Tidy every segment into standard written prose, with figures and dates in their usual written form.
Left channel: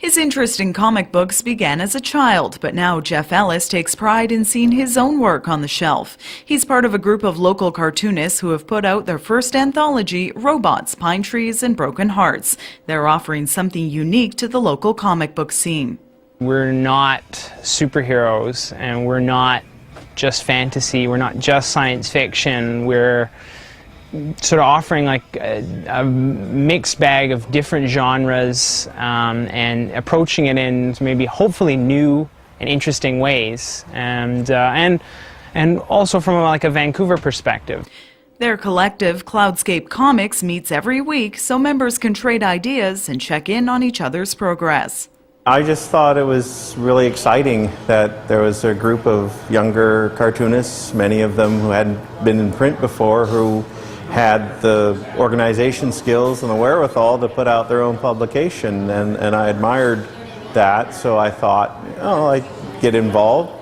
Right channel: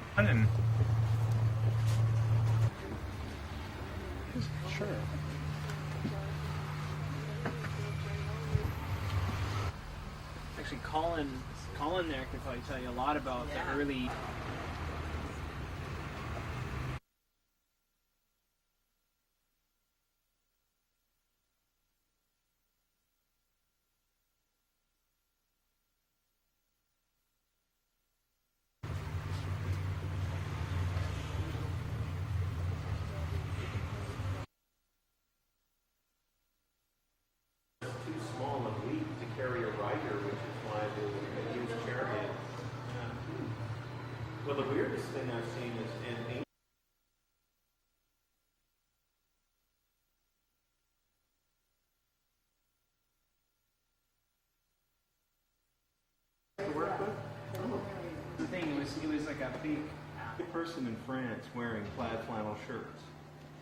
His interest in comic books began as a child, but now Jeff Ellis takes pride in seeing his own work on the shelf. He's part of a group of local cartoonists who have put out their first anthology, Robots, Pine Trees, and Broken Hearts. They're offering something unique to the local comic book scene. We're not superheroes, and we're not just fantasy, we're not just science fiction. We're sort of offering like a mixed bag of different genres and approaching it in maybe hopefully new and interesting ways, and also from like a Vancouver perspective. Their collective, Cloudscape Comics, meets every week so members can trade ideas and check in on each other's progress. I just thought it was really exciting that there was a group of younger cartoonists, many of them who hadn't been in print before, who had the organization skills and the wherewithal to put out their own publication, and I admired that, so I thought, oh, I'd get involved.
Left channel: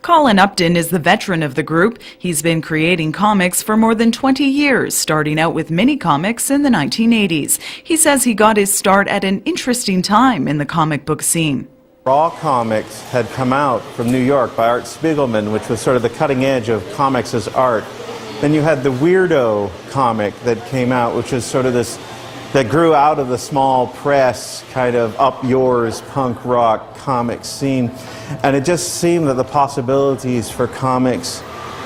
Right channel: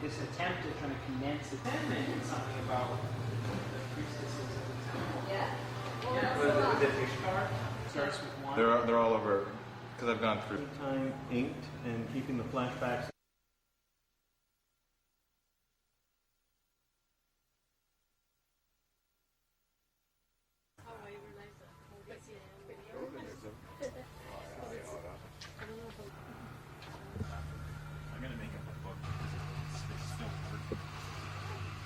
Colin Upton is the veteran of the group. He's been creating comics for more than 20 years, starting out with mini-comics in the 1980s. He says he got his start at an interesting time in the comic book scene. Raw comics had come out from New York by Art Spiegelman, which was sort of the cutting edge of comics as art. Then you had the Weirdo comic that came out, which was sort of this, that grew out of the small press, kind of up yours punk rock comic scene. And it just seemed that the possibilities for comics,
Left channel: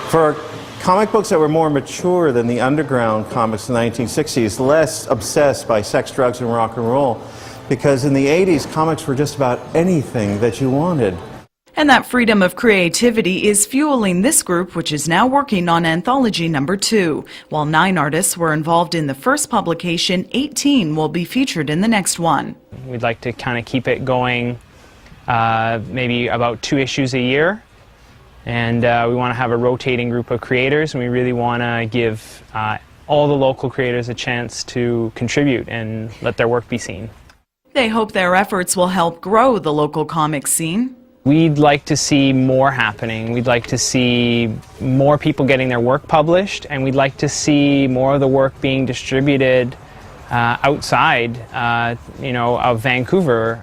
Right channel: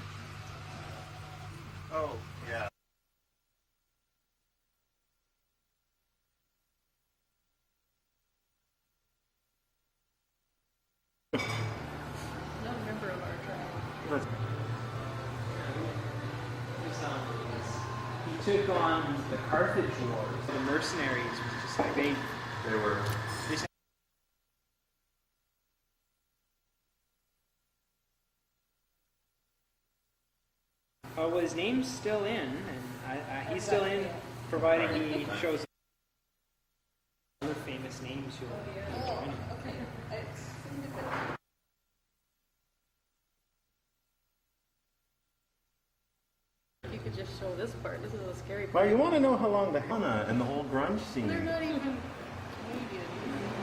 for comic books that were more mature than the underground comics in the 1960s, less obsessed by sex, drugs, and rock and roll, because in the 80s, comics were just about anything that you wanted. And that freedom of creativity is fueling this group, which is now working on anthology number 2. While 9 artists were involved in the first publication, 18 will be featured in the next one. We'd like to kind of keep it going maybe about 2 issues a year. And we want to have a rotating group of creators, and we really want to give all the local creators a chance to contribute and let their work be seen. They hope their efforts will help grow the local comic scene. We'd like to see more happening. We'd like to see more people getting their work published, and we'd like to see more of the work being distributed outside, of Vancouver.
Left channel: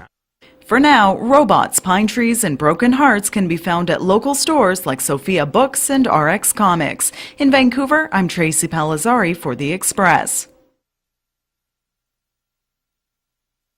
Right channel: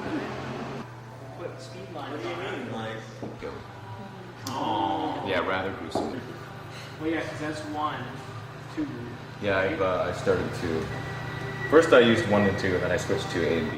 For now, Robots, Pine Trees, and Broken Hearts can be found at local stores like Sophia Books and RX Comics. In Vancouver, I'm Tracy Palazzari for The Express. First I used 1 and 2, and then I switched to A and B.